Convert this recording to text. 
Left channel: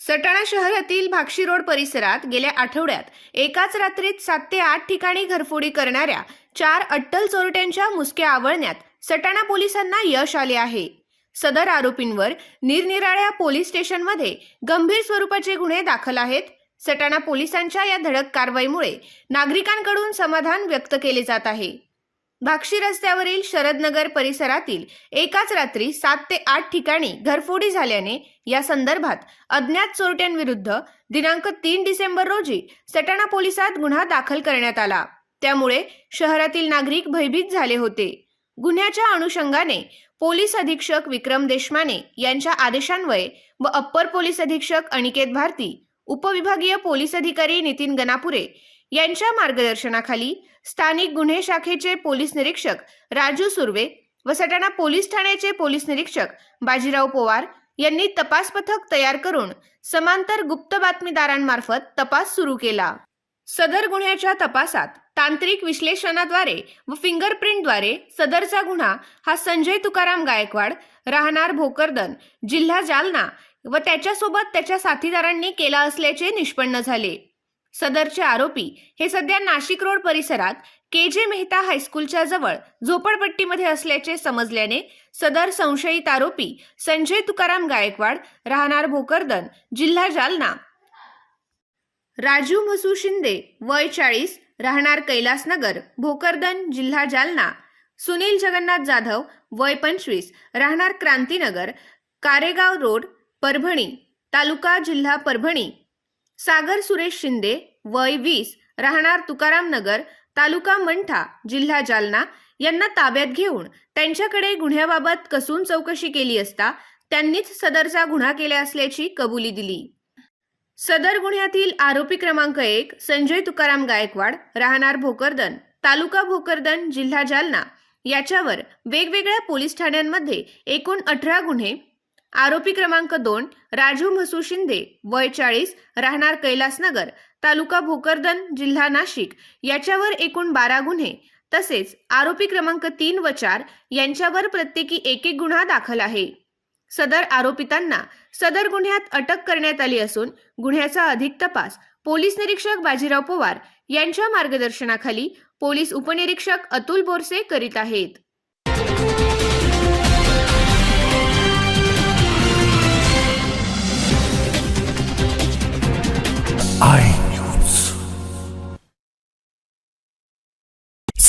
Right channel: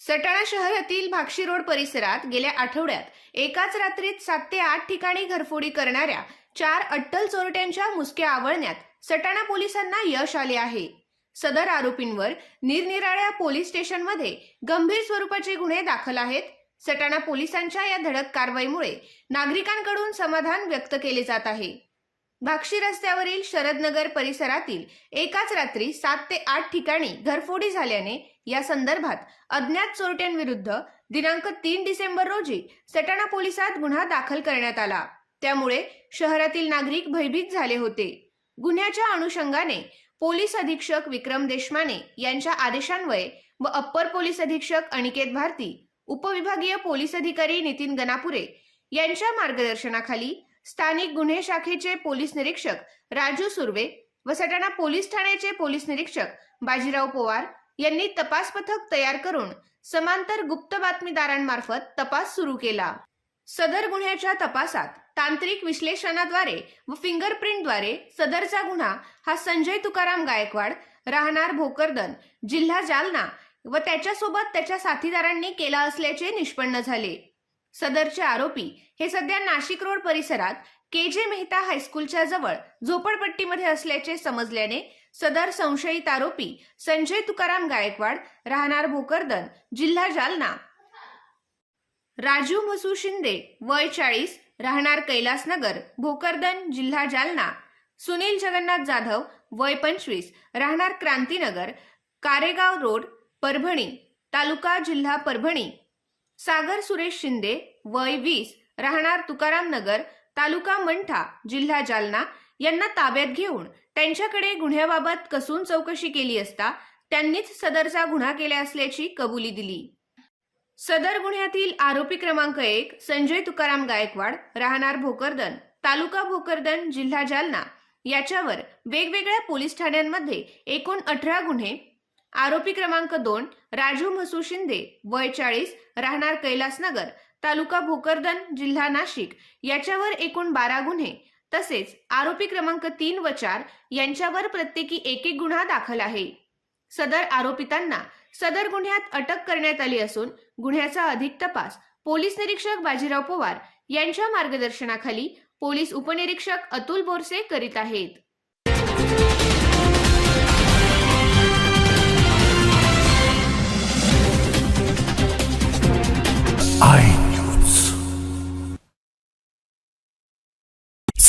सटाणा शहरातील भाक्षी रोड परिसरात गेल्या आठवड्यात एकाच रात्रीत सात ते आठ ठिकाणी घरफोडी करणाऱ्या चार अट्टल चोरट्यांच्या मुसक्या आवळण्यात सटाणा पोलिसांना यश आले आहे. सदर आरोपींवर निरनिराळ्या पोलीस स्टेशनमध्ये गंभीर स्वरूपाचे गुन्हे दाखल आहेत. सटाणा पोलिसांच्या या धडक कारवाईमुळे नागरिकांकडून समाधान व्यक्त केले जात आहे. भाक्षी रस्त्यावरील शरदनगर परिसरातील एकाच रात्री सात ते आठ ठिकाणी घरफोडी झाल्याने या संदर्भात अज्ञात चोरट्यांविरुद्ध दिनांक तीन डिसेंबर रोजी सटाणा पोलिसात गुन्हा दाखल करण्यात आला. त्यामुळे शहरातील नागरिक भयभीत झाले होते. गुन्ह्याच्या अनुषंगाने पोलीस अधीक्षक विक्रम देशमाने यांच्या आदेशान्वये व अप्पर पोलीस अधीक्षक अनिकेत भारती उपविभागीय पोलीस अधिकारी नितीन गणापुरे यांच्या मार्गदर्शनाखाली स्थानिक गुन्हे शाखेचे पोलीस निरीक्षक राजू सुर्वे व सटाणा पोलीस ठाण्याचे पोलीस निरीक्षक बाजीराव पवार यांनी तपास पथक तयार करून समांतर गुप्त बातमीदारांमार्फत तपास सुरू केला. सदर गुन्ह्याच्या तपासात तांत्रिक विश्लेषणाद्वारे व फिंगरप्रिंटद्वारे सदरचा गुन्हा हा संजय तुकाराम गायकवाड राहणार भोकरदन जिल्हा जालना व त्याच्यासोबत त्याच्या साथीदारांनी केला असल्याचे निष्पन्न झाले. सदरचे आरोपी हे सध्या नाशिक रोड परिसरात के जे मेहता हायस्कूलच्या जवळ झोपडपट्टीमध्ये असल्याचे समजल्याने सदर संशयित आरोपी संजय तुकाराम गायकवाड राहणार भोकरदन जिल्हा जालना. राजू म्हसू शिंदे वय चाळीस राहणार कैलासनगर भोकरदन जिल्हा जालना. सुनील जगन्नाथ जाधव वय पंचवीस राहणार क्रांतीनगर कारेगाव रोड परभणी तालुका जिल्हा परभणी. सागर सुरेश शिंदे वय वीस राहणार तुकाराम नगर तालुका मंठा जिल्हा जालना. यांना ताब्यात घेऊन त्यांच्याकडे गुन्ह्याबाबत कसून चौकशी केली असता त्यांनीच सदरचा गुन्हा केला असल्याची कबुली दिली. सदर गुन्ह्यातील आरोपी क्रमांक एक संजय तुकाराम गायकवाड राहणार भोकरदन तालुका भोकरदन जिल्हा जालना. याच्यावर वेगवेगळ्या पोलीस ठाण्यांमध्ये एकूण अठरा गुन्हे. आरोपी क्रमांक दोन राजू म्हसू शिंदे वय चाळीस राहणार कैलासनगर तालुका भोकरदन जिल्हा नाशिक याच्यावर एकूण बारा गुन्हे. तसेच आरोपी क्रमांक तीन व चार यांच्यावर प्रत्येकी एक एक गुन्हा दाखल आहे. सदर आरोपितांना सदर गुन्ह्यात अटक करण्यात आली असून गुन्ह्याचा अधिक तपास पोलीस निरीक्षक बाजीराव पवार यांच्या मार्गदर्शनाखाली पोलीस उपनिरीक्षक अतुल बोरसे करीत आहेत.